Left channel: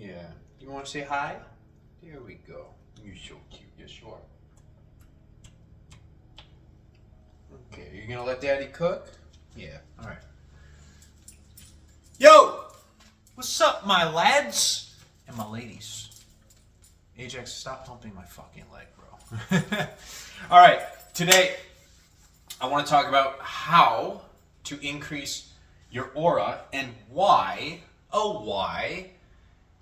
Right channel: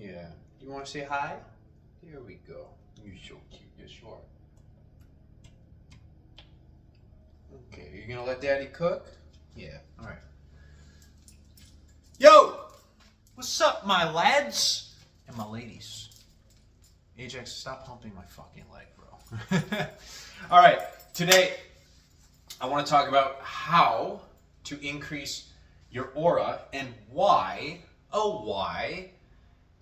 Yeah. You want to say hi? There we go. You're so cute. Yes, you are. Okay, you gonna let Daddy cook? Yeah. All right. Yo, what's up, my lads and my ladies? Ajax, stop humping my fucking leg, bro. All right. Today, I want to talk about how to increase your aura and why. Oh, why?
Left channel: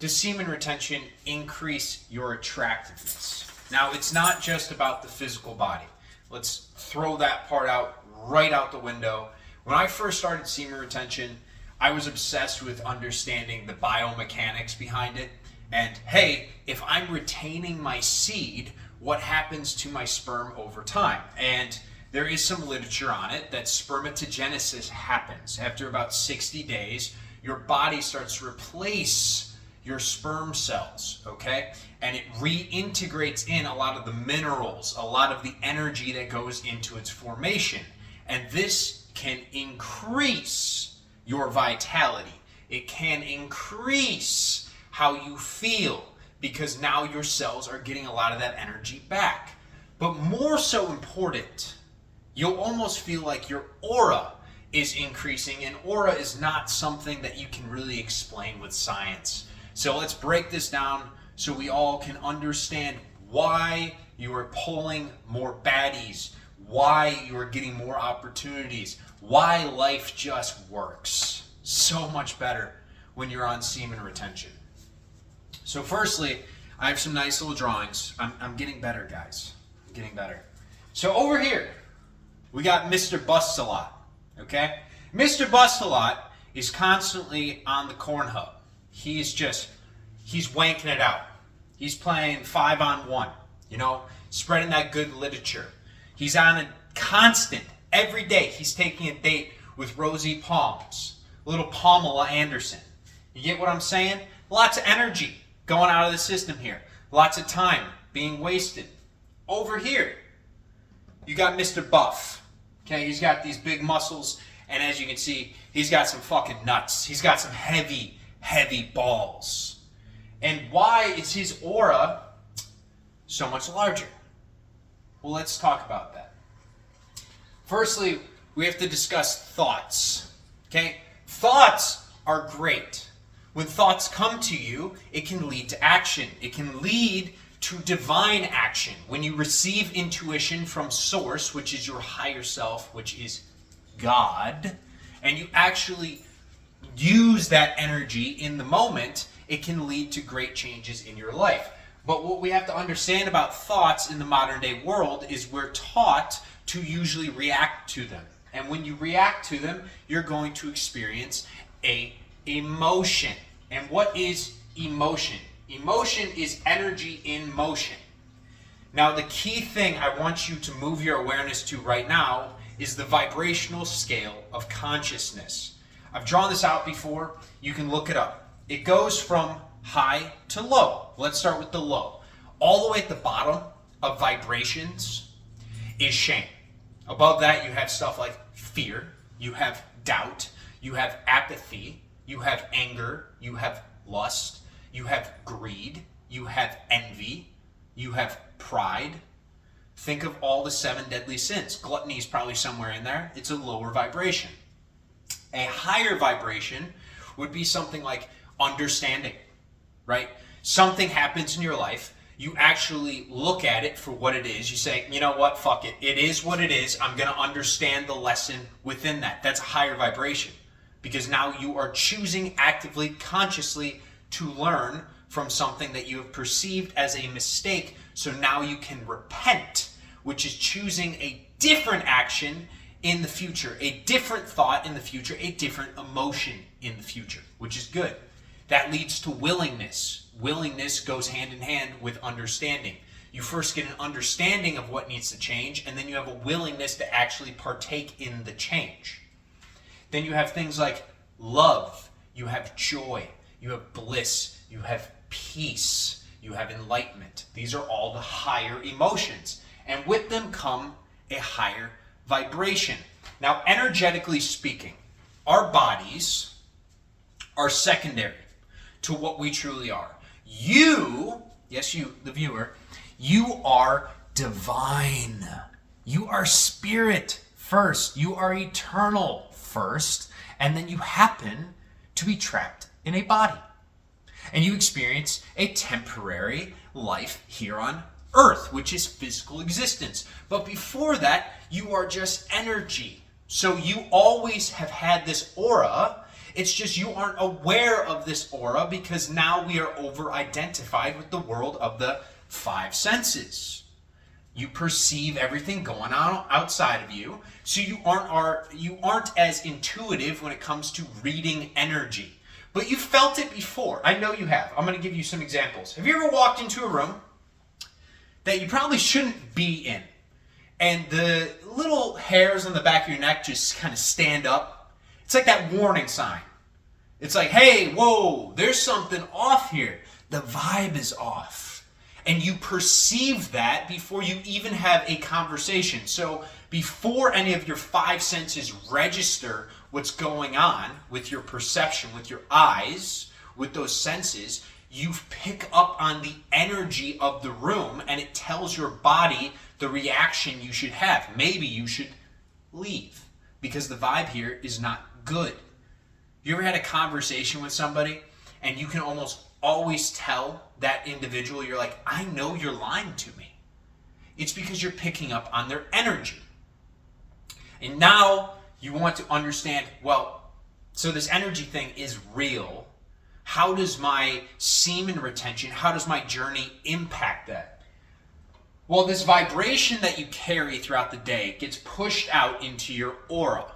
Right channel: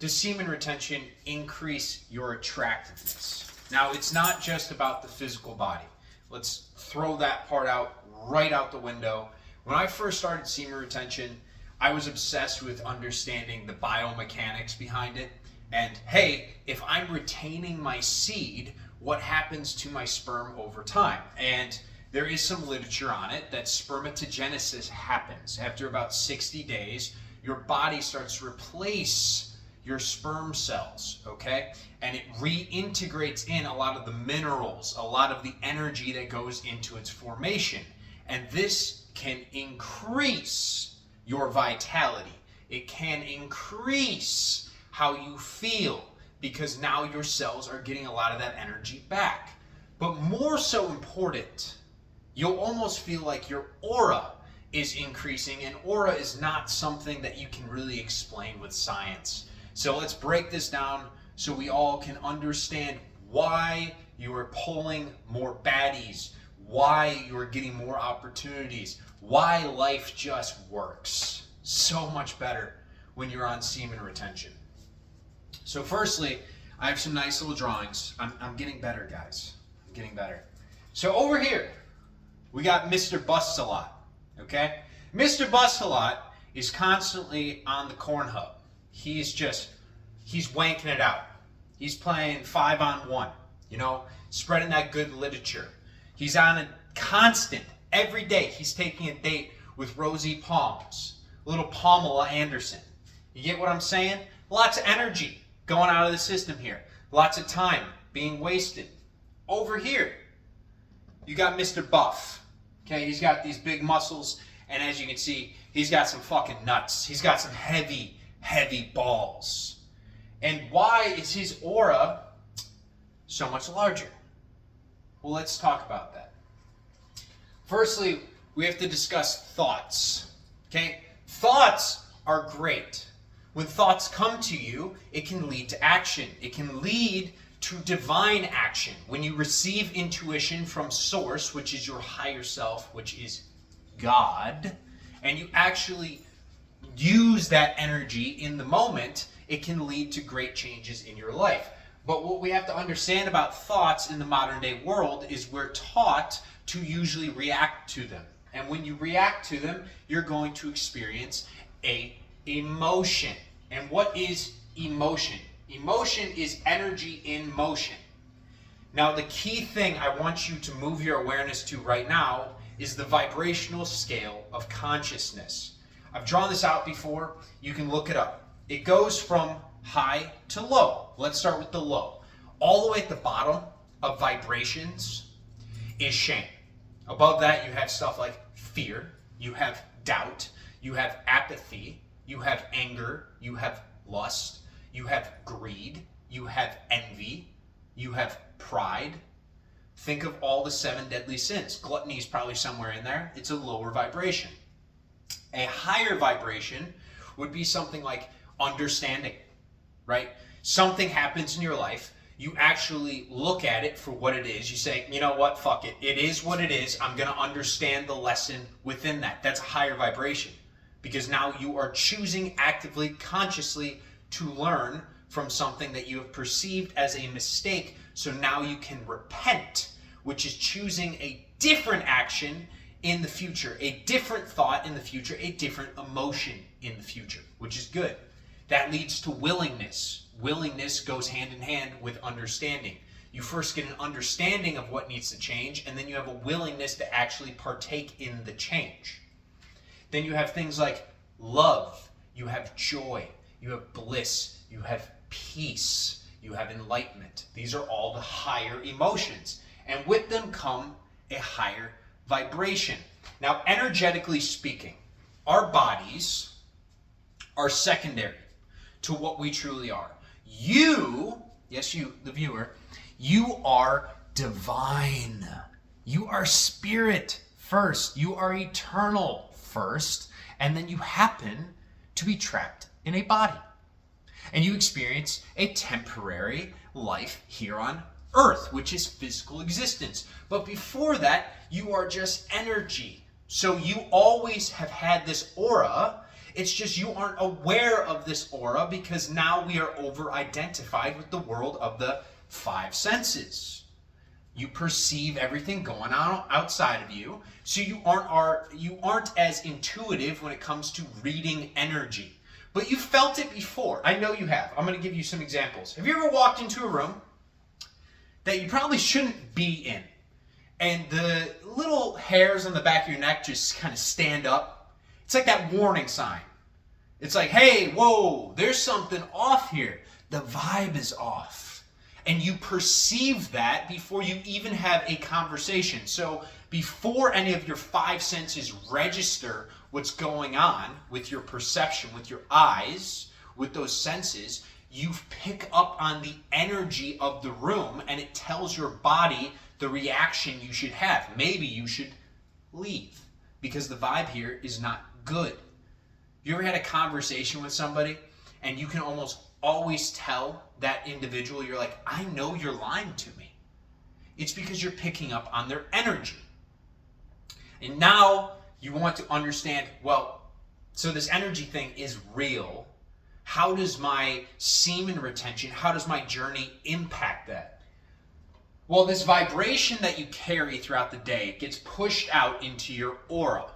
Does semen retention increase your attractiveness? Now, it's not just about the physical body. Let's throw that part out right out the window. When I first started semen retention, I was obsessed with understanding the biomechanics behind it. And hey, if I'm retaining my seed, what happens to my sperm over time? And there is some literature on it that spermatogenesis happens. After about 60 days, your body starts to replace your sperm cells, okay? And it reintegrates in a lot of the minerals, a lot of the energy that goes into its formation. And this can increase your vitality. It can increase how you feel because now your cells are getting a lot of that energy back. But more so important, you'll almost feel like your aura is increasing, and aura is not something that you can really explain with science. So let's break this down so we all can understand why you are pulling more baddies, why you are getting more opportunities, why life just works so much better when you're on semen retention. So firstly, I have some nice little drawings. I'm getting better, guys. I'm getting better. So over here, we got Mr. Bust-A-Lot, okay? Mr. Bust-A-Lot is constantly on the corn hub. He's wanking it out. He's playing 5-on-1, spreading that good literature. He's on a constant, every day, he's taking a date with Rosie Palms, little Pamela Anderson. You get what I'm saying? Lots of energy going out of the system here. Lots of time being wasted. Over here, you got Mr. Buff. Okay, he's got these big muscles, and as you can see, he's got some fucking nuts. He's got some heavy, heavy balls. And why is his aura so much larger? Well, let's talk about that. Firstly, we have to discuss thoughts. Okay? Thoughts are great. When thoughts come to you, it can lead to action. It can lead to divine action. When you receive intuition from source, which is your higher self, which is God, and you actually use that energy in the moment, it can lead to great changes in your life. But what we have to understand about thoughts in the modern day world is we're taught to usually react to them. And when you react to them, you're going to experience a emotion. And what is emotion? Emotion is energy in motion. Now, the key thing I want you to move your awareness to right now is the vibrational scale of consciousness. I've drawn this out before. You can look it up. It goes from high to low. Let's start with the low. All the way at the bottom of vibrations is shame. Above that, you have stuff like fear, you have doubt, you have apathy, you have anger, you have lust, you have greed, you have envy, you have pride. Think of all the 7 deadly sins. Gluttony is probably somewhere in there. It's a lower vibration. A higher vibration would be something like understanding, right? Something happens in your life. You actually look at it for what it is. You say, you know what, fuck it. It is what it is. I'm going to understand the lesson within that. That's a higher vibration because now you are choosing actively, consciously to learn from something that you have perceived as a mistake. So now you can repent, which is choosing a different action in the future, a different thought in the future, a different emotion in the future, which is good. That leads to willingness. Willingness goes hand in hand with understanding. You first get an understanding of what needs to change, and then you have a willingness to actually partake in the change. Then you have things like love, you have joy, you have bliss, you have peace, you have enlightenment. These are all the higher emotions, and with them come a higher vibration. Now, energetically speaking, our bodies are secondary to what we truly are. You, yes, you, the viewer, you are divine. You are spirit first. You are eternal first. And then you happen to be trapped in a body. And you experience a temporary life here on earth, which is physical existence. But before that, you are just energy. So you always have had this aura. It's just you aren't aware of this aura because now we are over-identified with the world of the five senses. You perceive everything going on outside of you, so you aren't as intuitive when it comes to reading energy. But you felt it before. I know you have. I'm going to give you some examples. Have you ever walked into a room that you probably shouldn't be in, and the little hairs on the back of your neck just kind of stand up? It's like that warning sign. It's like, hey, whoa, there's something off here. The vibe is off. And you perceive that before you even have a conversation. So before any of your five senses register what's going on with your perception, with your eyes, with those senses, you pick up on the energy of the room, and it tells your body the reaction you should have. Maybe you should leave because the vibe here is not good. You ever had a conversation with somebody and you can almost always tell that individual, you're like, I know you're lying to me. It's because you're picking up on their energy. And now you want to understand, well, so this energy thing is real. How does my semen retention, how does my journey impact that? Well, this vibration that you carry throughout the day gets pushed out into your aura.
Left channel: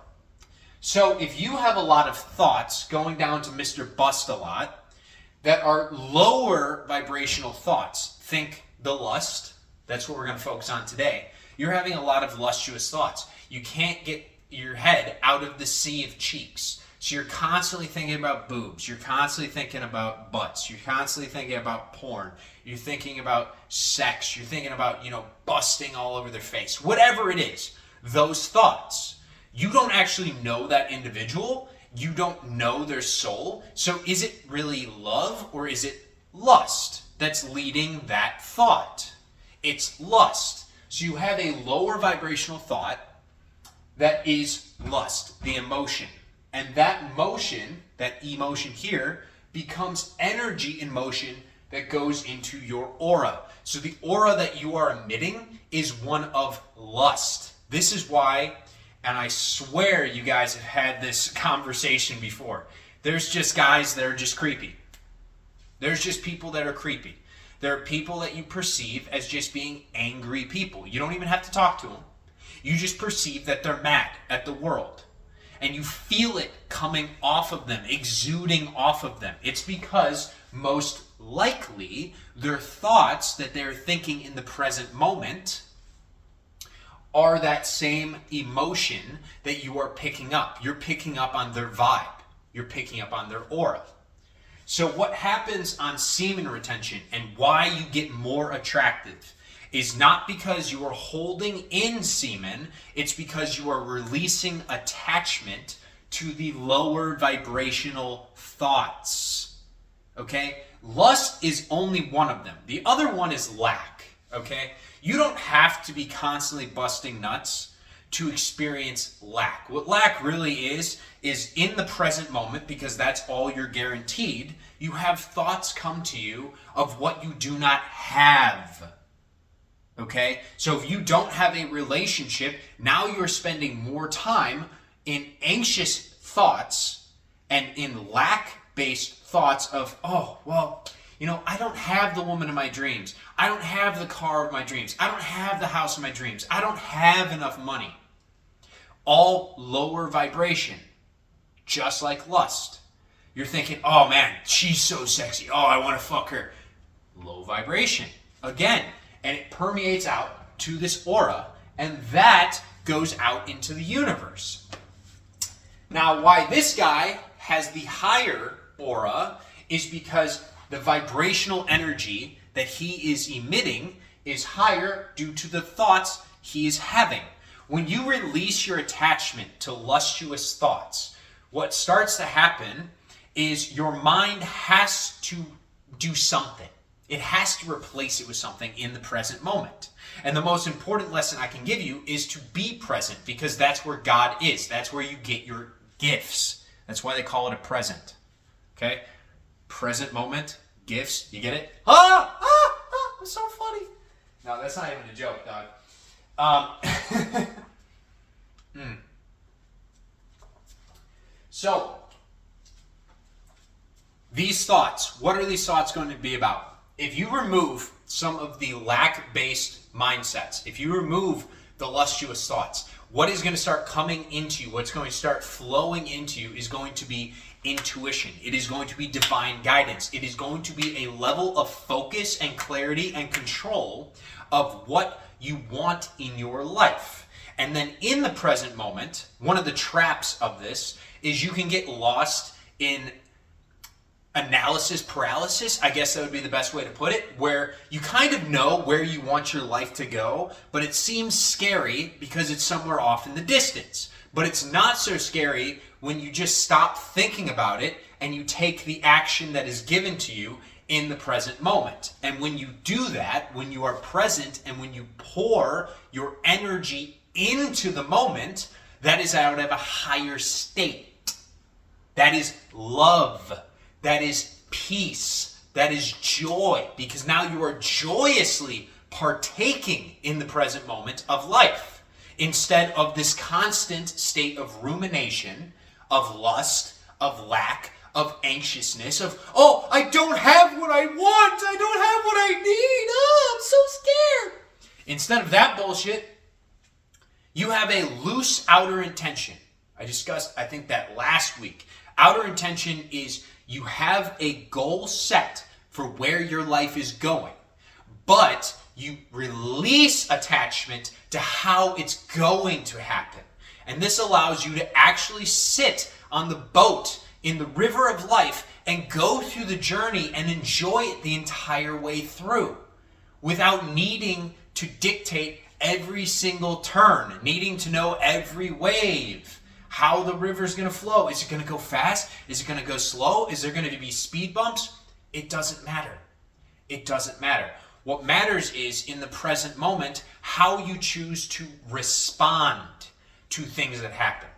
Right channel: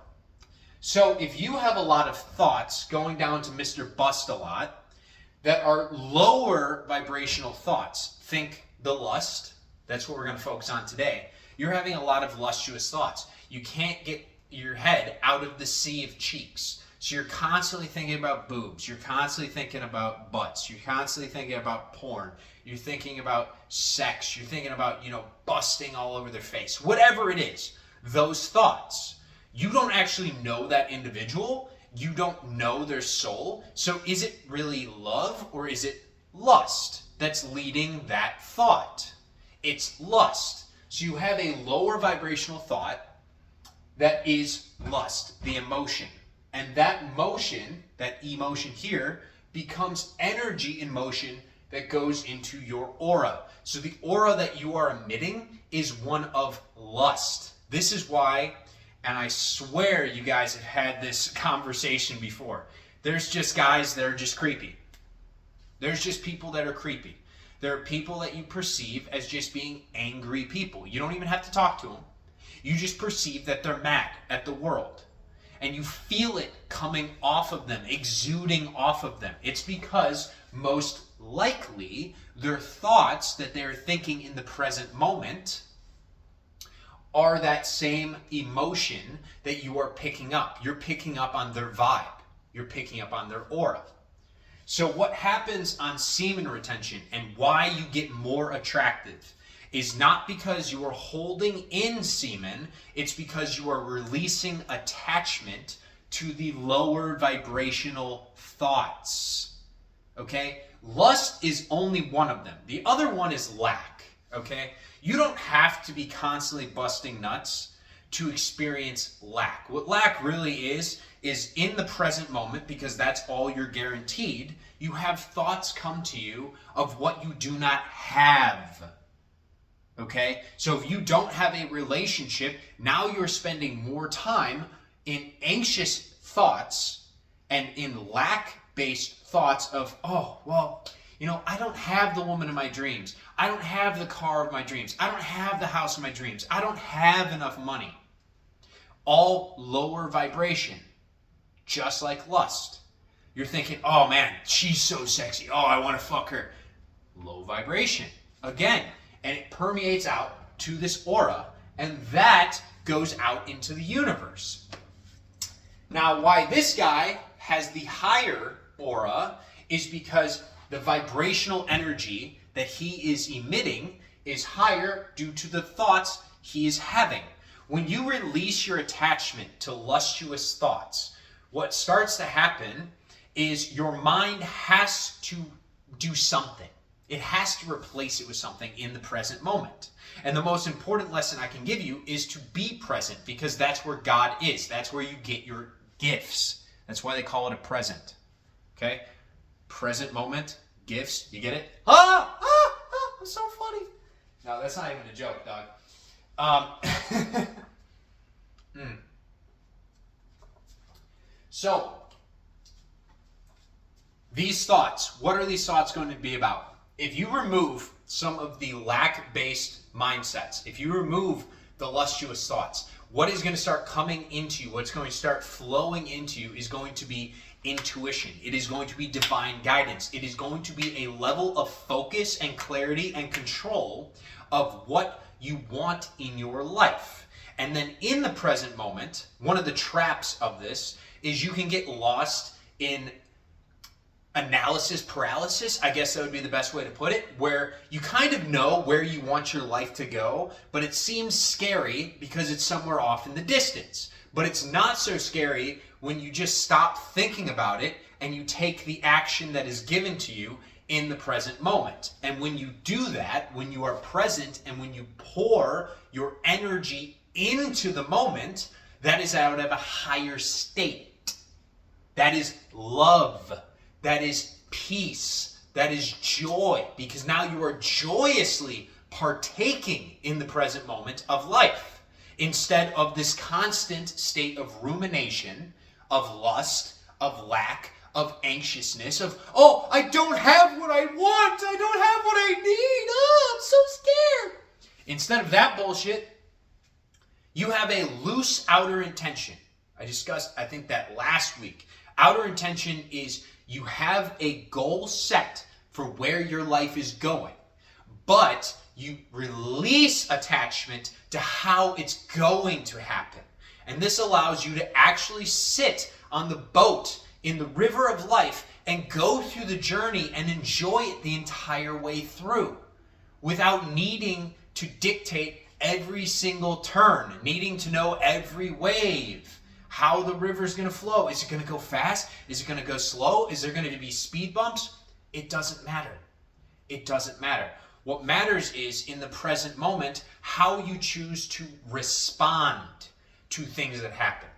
So if you have a lot of thoughts going down to Mr. Bust a lot that are lower vibrational thoughts, think the lust, that's what we're going to focus on today. You're having a lot of lustuous thoughts. You can't get your head out of the sea of cheeks. So you're constantly thinking about boobs. You're constantly thinking about butts. You're constantly thinking about porn. You're thinking about sex. You're thinking about, busting all over their face. Whatever it is, those thoughts. You don't actually know that individual. You don't know their soul. So is it really love or is it lust that's leading that thought? It's lust. So you have a lower vibrational thought that is lust, the emotion. And that motion, that emotion here, becomes energy in motion that goes into your aura. So the aura that you are emitting is one of lust. This is why, and I swear you guys have had this conversation before, there's just guys that are just creepy. There's just people that are creepy. There are people that you perceive as just being angry people. You don't even have to talk to them. You just perceive that they're mad at the world. And you feel it coming off of them, exuding off of them. It's because most likely their thoughts that they're thinking in the present moment are that same emotion that you are picking up. You're picking up on their vibe. You're picking up on their aura. So what happens on semen retention and why you get more attractive is not because you are holding in semen, it's because you are releasing attachment to the lower vibrational thoughts. Okay? Lust is only one of them. The other one is lack. Okay? You don't have to be constantly busting nuts to experience lack. What lack really is in the present moment, because that's all you're guaranteed, you have thoughts come to you of what you do not have. Okay? So if you don't have a relationship, now you're spending more time in anxious thoughts and in lack-based thoughts of, oh, well, I don't have the woman of my dreams. I don't have the car of my dreams. I don't have the house of my dreams. I don't have enough money. All lower vibration, just like lust. You're thinking, oh man, she's so sexy. Oh, I want to fuck her. Low vibration. Again, and it permeates out to this aura, and that goes out into the universe. Now, why this guy has the higher aura is because the vibrational energy that he is emitting is higher due to the thoughts he is having. When you release your attachment to lustuous thoughts, what starts to happen is your mind has to do something. It has to replace it with something in the present moment. And the most important lesson I can give you is to be present, because that's where God is. That's where you get your gifts. That's why they call it a present. Okay? Present moment, gifts, you get it? It's so funny. No, that's not even a joke, dog. So, these thoughts, what are these thoughts going to be about? If you remove some of the lack-based mindsets, if you remove the lustuous thoughts, what is going to start coming into you, what's going to start flowing into you is going to be intuition. It is going to be divine guidance. It is going to be a level of focus and clarity and control of what you want in your life. And then in the present moment, one of the traps of this is you can get lost in analysis paralysis. I guess that would be the best way to put it, where you kind of know where you want your life to go, but it seems scary because it's somewhere off in the distance. But it's not so scary when you just stop thinking about it and you take the action that is given to you in the present moment. And when you do that, when you are present and when you pour your energy into the moment, that is out of a higher state. That is love. That is peace. That is joy. Because now you are joyously partaking in the present moment of life, instead of this constant state of rumination, of lust, of lack, of anxiousness, of, oh, I don't have what I want. I don't have what I need. Oh, I'm so scared. Instead of that bullshit, you have a loose outer intention. I discussed, I think, that last week. Outer intention is you have a goal set for where your life is going, but you release attachment to how it's going to happen. And this allows you to actually sit on the boat in the river of life and go through the journey and enjoy it the entire way through without needing to dictate every single turn, needing to know every wave, how the river is going to flow. Is it going to go fast? Is it going to go slow? Is there going to be speed bumps? It doesn't matter. It doesn't matter. What matters is, in the present moment, how you choose to respond to things that happen.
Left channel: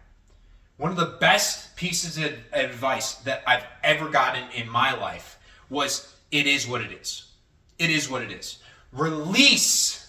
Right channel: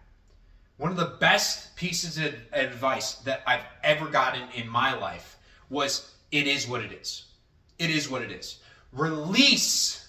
One of the best pieces of advice that I've ever gotten in my life was, it is what it is. It is what it is. Release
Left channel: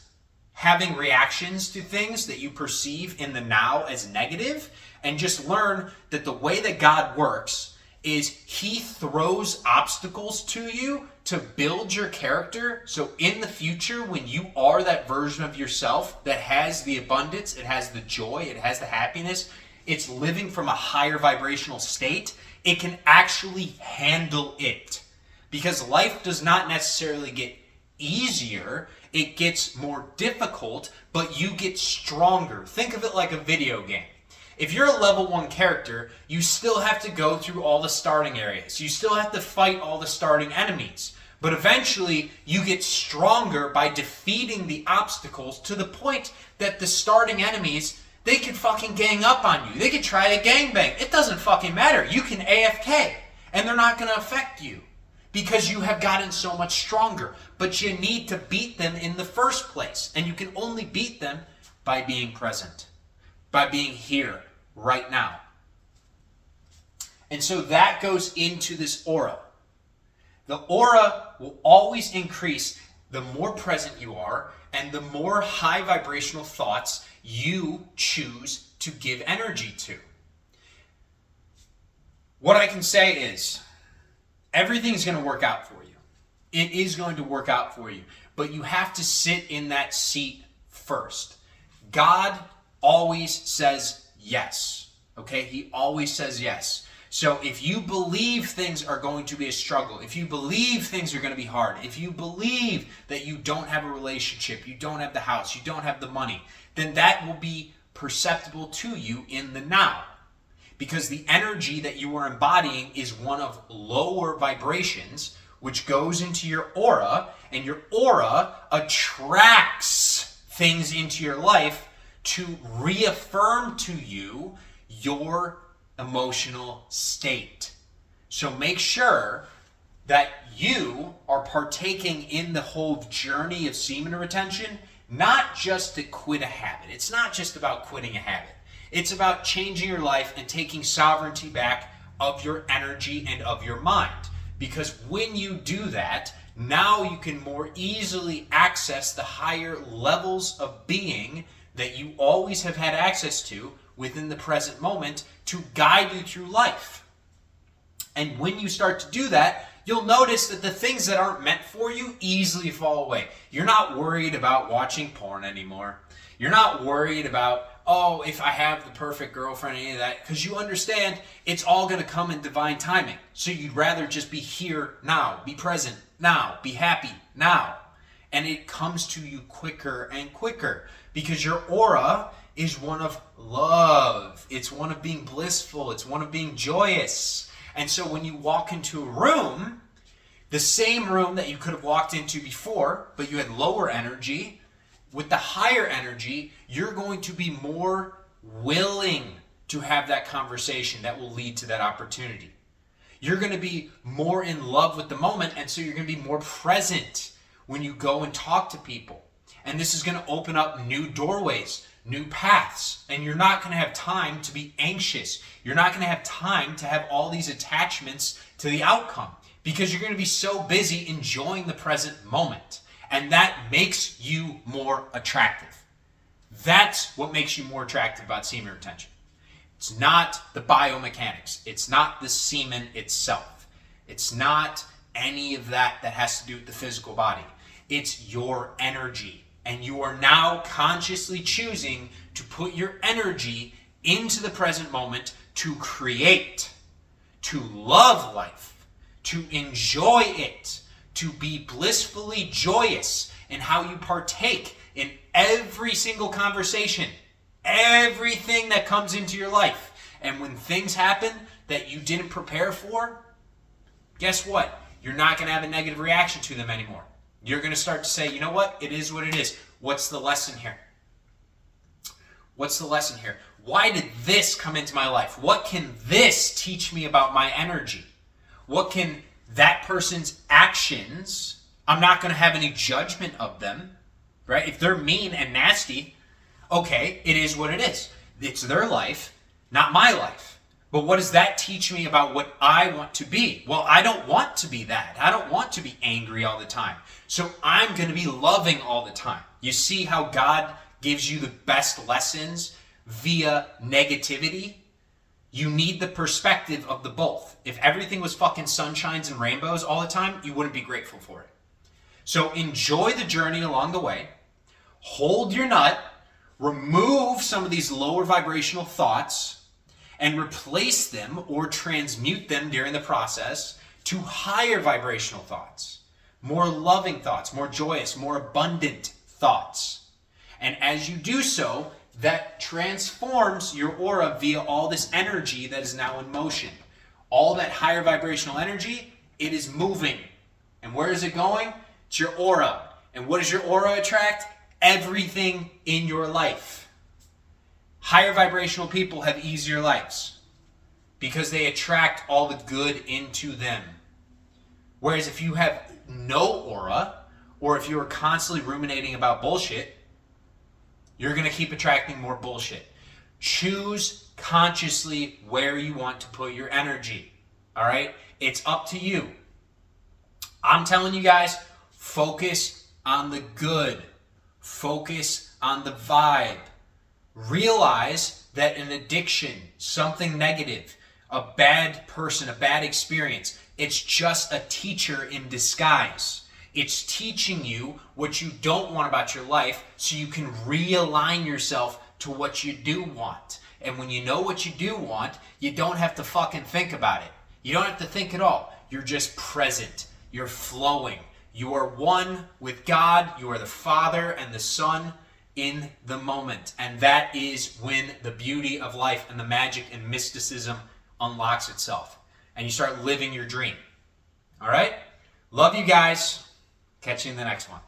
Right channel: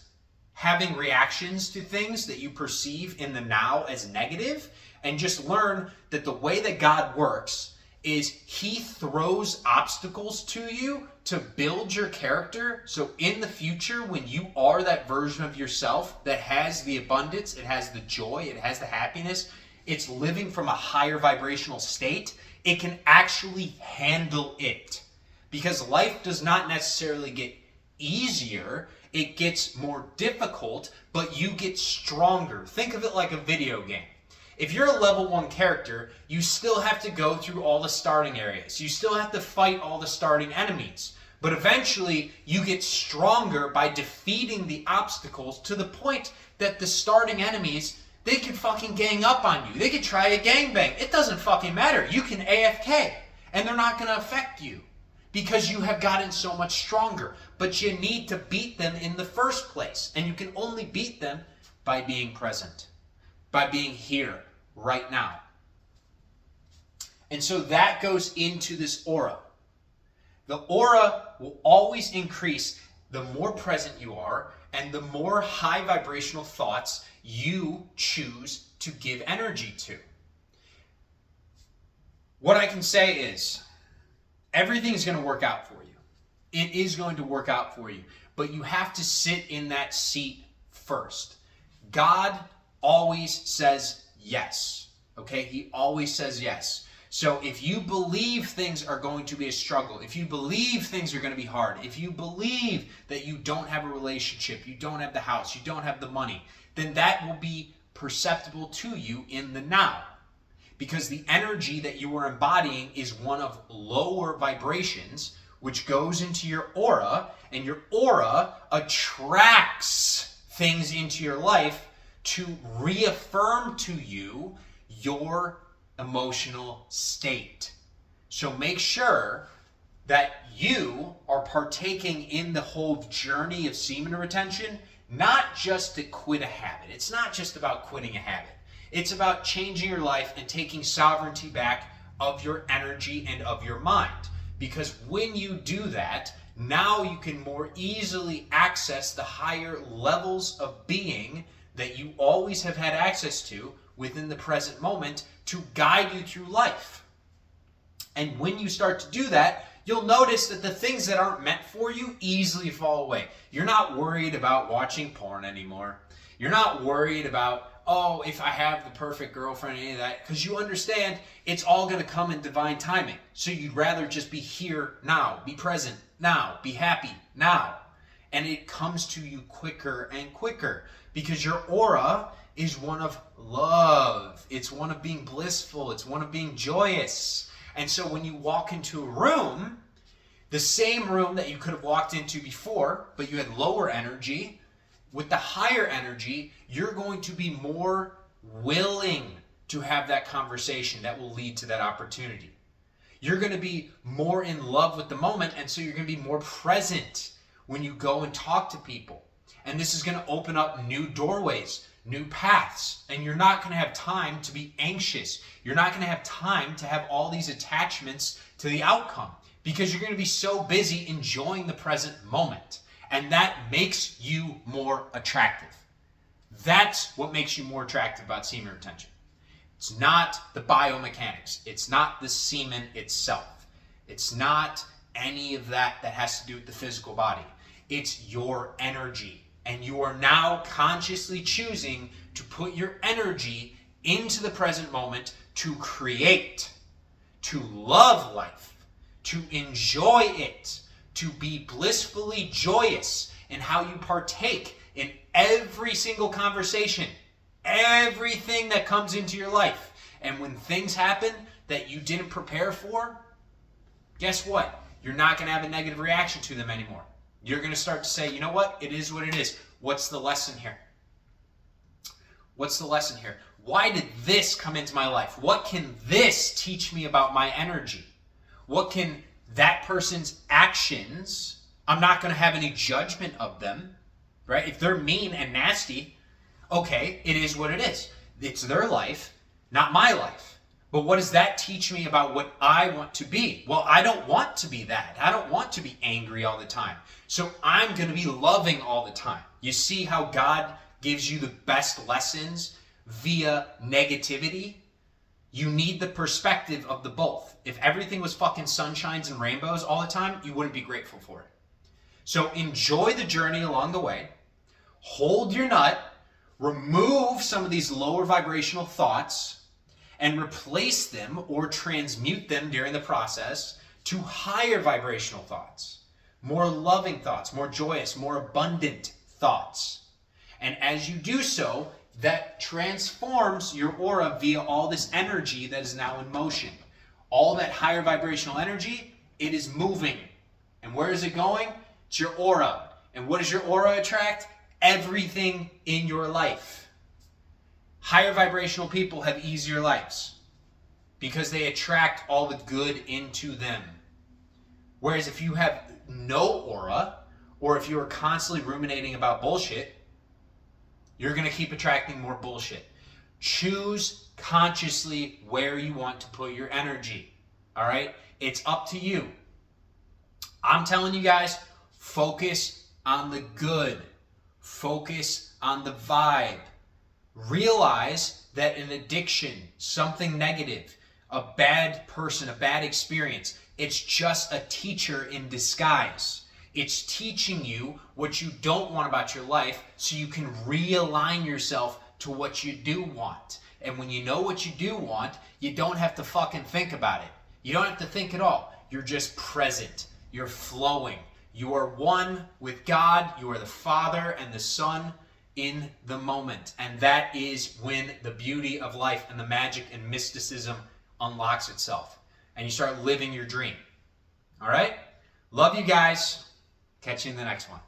having reactions to things that you perceive in the now as negative, and just learn that the way that God works is He throws obstacles to you to build your character. So in the future, when you are that version of yourself that has the abundance, it has the joy, it has the happiness, it's living from a higher vibrational state, it can actually handle it. Because life does not necessarily get easier, it gets more difficult, but you get stronger. Think of it like a video game. If you're a level 1 character, you still have to go through all the starting areas. You still have to fight all the starting enemies. But eventually, you get stronger by defeating the obstacles to the point that the starting enemies, they can fucking gang up on you. They can try a gangbang. It doesn't fucking matter. You can AFK, and they're not going to affect you because you have gotten so much stronger. But you need to beat them in the first place, and you can only beat them by being present, by being here, right now. And so that goes into this aura. The aura will always increase the more present you are and the more high vibrational thoughts you choose to give energy to. What I can say is, everything's going to work out for you. It is going to work out for you. But you have to sit in that seat first. God always says yes. Okay? He always says yes. So if you believe things are going to be a struggle, if you believe things are going to be hard, if you believe that you don't have a relationship, you don't have the house, you don't have the money, then that will be perceptible to you in the now. Because the energy that you are embodying is one of lower vibrations, which goes into your aura, and your aura attracts things into your life to reaffirm to you your emotional state. So make sure that you are partaking in the whole journey of semen retention, not just to quit a habit. It's not just about quitting a habit. It's about changing your life and taking sovereignty back of your energy and of your mind. Because when you do that, now you can more easily access the higher levels of being that you always have had access to within the present moment to guide you through life. And when you start to do that, you'll notice that the things that aren't meant for you easily fall away. You're not worried about watching porn anymore. You're not worried about, oh, if I have the perfect girlfriend, any of that, because you understand it's all going to come in divine timing. So you'd rather just be here now, be present now, be happy now. And it comes to you quicker and quicker because your aura is one of love. It's one of being blissful. It's one of being joyous. And so when you walk into a room, the same room that you could have walked into before, but you had lower energy, with the higher energy, you're going to be more willing to have that conversation that will lead to that opportunity. You're going to be more in love with the moment, and so you're going to be more present when you go and talk to people. And this is going to open up new doorways, new paths, and you're not going to have time to be anxious. You're not going to have time to have all these attachments to the outcome because you're going to be so busy enjoying the present moment. And that makes you more attractive. That's what makes you more attractive about semen retention. It's not the biomechanics. It's not the semen itself. It's not any of that has to do with the physical body. It's your energy. And you are now consciously choosing to put your energy into the present moment to create, to love life, to enjoy it, to be blissfully joyous in how you partake in every single conversation, everything that comes into your life. And when things happen that you didn't prepare for, guess what? You're not going to have a negative reaction to them anymore. You're going to start to say, you know what? It is what it is. What's the lesson here? What's the lesson here? Why did this come into my life? What can this teach me about my energy? What can that person's actions, I'm not going to have any judgment of them, right? If they're mean and nasty, okay, it is what it is. It's their life, not my life. But what does that teach me about what I want to be? Well, I don't want to be that. I don't want to be angry all the time. So I'm going to be loving all the time. You see how God gives you the best lessons via negativity? You need the perspective of the both. If everything was fucking sunshines and rainbows all the time, you wouldn't be grateful for it. So enjoy the journey along the way. Hold your nut. Remove some of these lower vibrational thoughts and replace them or transmute them during the process to higher vibrational thoughts. More loving thoughts, more joyous, more abundant thoughts. And as you do so, that transforms your aura via all this energy that is now in motion. All that higher vibrational energy, it is moving. And where is it going? It's your aura. And what does your aura attract? Everything in your life. Higher vibrational people have easier lives because they attract all the good into them. Whereas if you have no aura, or if you're constantly ruminating about bullshit, you're going to keep attracting more bullshit. Choose consciously where you want to put your energy. All right? It's up to you. I'm telling you guys, focus on the good. Focus on the vibe. Realize that an addiction, something negative, a bad person, a bad experience, it's just a teacher in disguise. It's teaching you what you don't want about your life so you can realign yourself to what you do want. And when you know what you do want, you don't have to fucking think about it. You don't have to think at all. You're just present. You're flowing. You are one with God. You are the Father and the Son in the moment. And that is when the beauty of life and the magic and mysticism unlocks itself. And you start living your dream. All right? Love you guys. Catch you in the next one.